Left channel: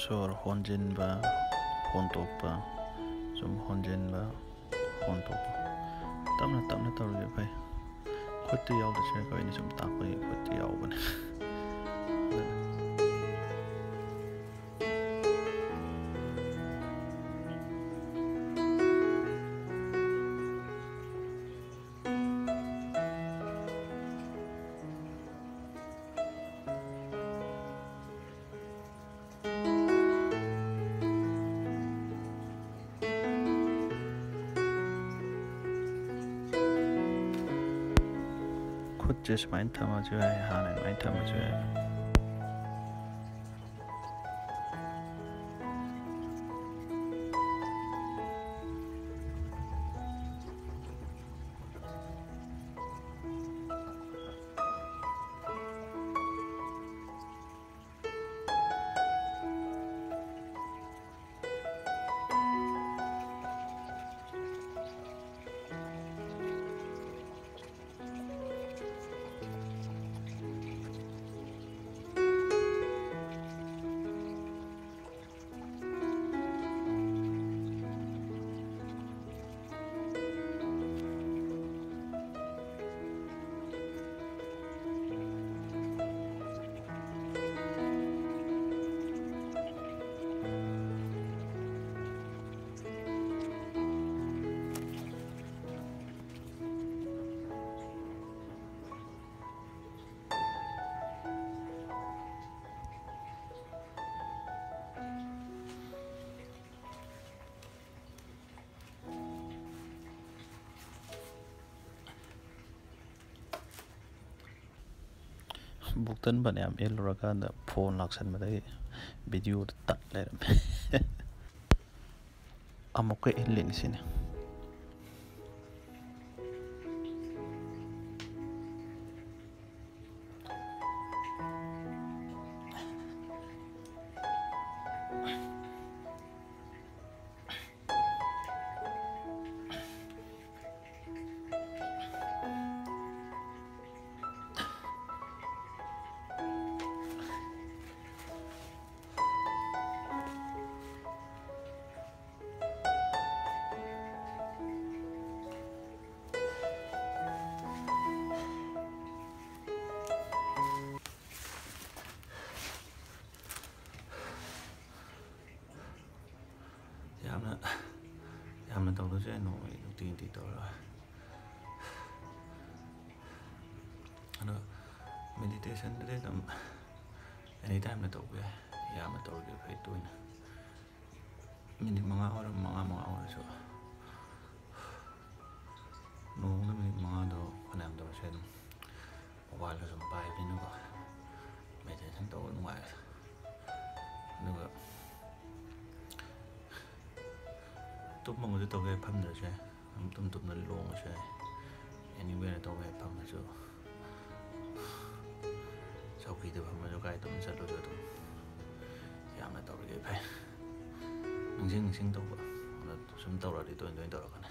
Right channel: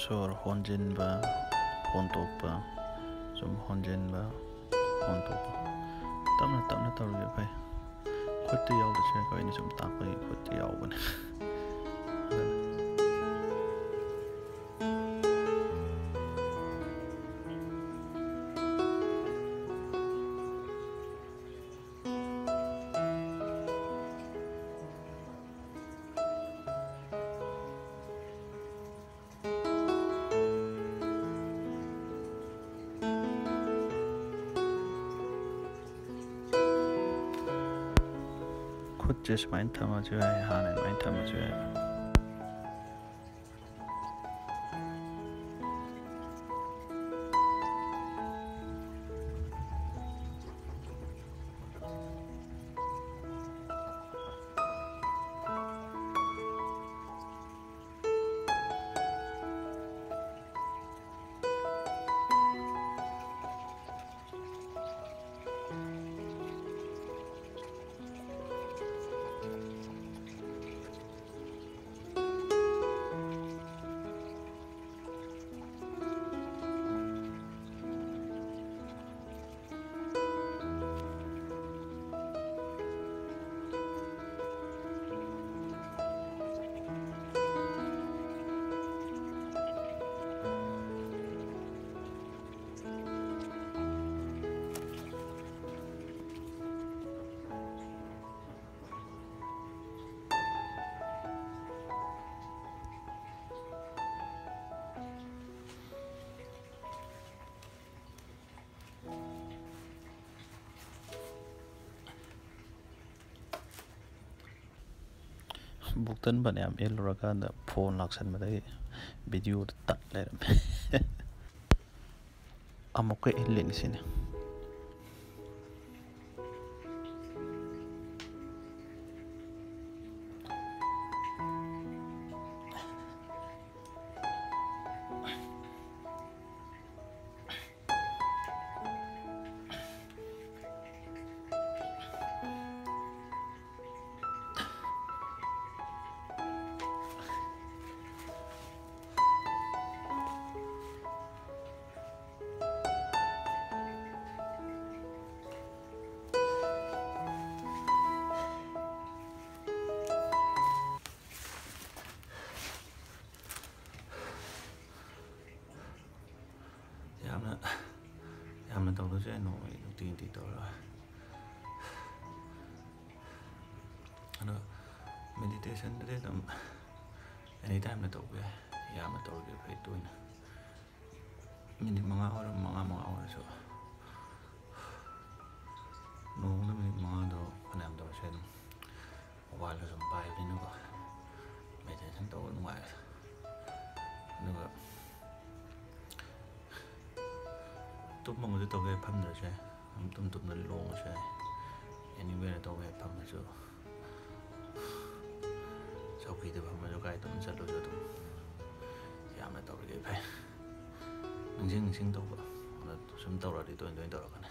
ꯁꯣꯔ ꯍꯣꯟꯖꯤꯟꯕ ꯍꯣꯟꯇꯣꯛꯄ ꯁꯨꯝ ꯍꯣꯟꯖꯤꯟꯕ ꯍꯣꯟꯇꯣꯛꯄ ꯇꯞꯅ ꯇꯞꯅ ꯇꯧꯔꯗꯤ ꯐꯩ ꯈꯨꯠꯇ ꯌꯥꯎꯗ꯭ꯔꯁꯨ ꯑꯩꯈꯣꯏꯅ ꯁꯨꯝ ꯇꯥꯛꯄꯒꯤ ꯈꯨꯠꯇ ꯌꯥꯎꯕꯅꯦ ꯑꯗꯨꯅ ꯈꯨꯠꯁꯦ ꯁꯨꯃꯥꯏꯅ ꯊꯝꯃꯁꯨ ꯌꯥꯏ ꯍꯥꯟꯅ ꯑꯗꯨꯃꯥꯏꯅ ꯊꯝꯃꯁꯨ ꯌꯥꯏ ꯕꯨꯛꯇꯟ ꯐꯅꯌꯥꯝ ꯏꯜꯂꯨꯔꯀꯥꯟꯗ ꯐꯣꯟ ꯂꯥꯛꯁꯟꯕꯗꯒꯤ ꯚꯤꯗꯤꯑꯣꯗꯣ ꯇꯠ ꯂꯩꯔꯝꯃꯦ ꯑꯃꯨꯛꯀ ꯏꯜꯂꯤꯅꯤ ꯁꯤꯅꯤ ꯌꯥꯝꯅ ꯇꯧꯗ꯭ꯔꯁꯨ ꯌꯥꯏ ꯅꯣꯡꯃꯒꯤ ꯅꯨꯡꯇꯤ ꯇꯧꯔꯒ ꯑꯗꯣ ꯃꯦꯗꯤꯇꯦꯁꯟꯗꯗꯤ ꯑꯗꯨꯝ ꯑꯦꯅꯤ ꯇꯥꯏꯝꯗ ꯇꯧꯕ ꯌꯥꯏ ꯌꯥꯝꯅ ꯇꯧꯔꯗꯤ ꯐꯩ ꯇꯣꯏꯅ ꯃꯤꯅꯤꯠ 5 ꯑꯣꯏꯔꯣ 5 ꯑꯣꯏꯔꯁꯨ ꯅꯣꯡꯃꯗ ꯃꯤꯅꯤꯠ 5ꯗꯣ ꯐꯅꯌꯥꯝ ꯇꯧꯔꯁꯨ ꯑꯗꯨꯝ ꯃꯣꯕꯥꯏꯜꯗ ꯁꯨꯝ ꯄꯥꯏꯕꯅꯤꯅꯀꯣ ꯃꯦꯗꯤꯇꯦꯁꯟ ꯇꯧꯕ ꯅꯨꯡꯉꯥꯏꯔꯦ ꯑꯗꯨꯒ ꯇꯨꯝꯃꯒꯁꯨ ꯇꯧꯕ ꯌꯥꯏ ꯐꯝꯗ꯭ꯔꯁꯨ ꯌꯥꯏ ꯑꯗꯨꯝ ꯇꯨꯝꯅ ꯂꯣꯡꯉꯁꯨ ꯌꯥꯏ ꯑꯦꯅꯤꯋꯦꯔ ꯇꯧꯕ ꯌꯥꯏ ꯐꯝꯃꯁꯨ ꯆꯧꯀ꯭ꯔꯤꯗ ꯐꯝꯃꯁꯨ ꯀꯥꯏ ꯑꯗꯨꯝ ꯆꯠꯂꯁꯨ ꯑꯗꯨꯝ ꯌꯥꯝꯅ ꯇꯧꯔꯤꯈꯩ ꯐꯩ ꯅꯤꯡꯁꯤꯡ ꯇꯧꯕ ꯑꯗ ꯁꯨꯝ ꯇꯧꯔꯗꯤ ꯇꯣꯏꯅ ꯇꯧꯔꯛꯀꯅꯤ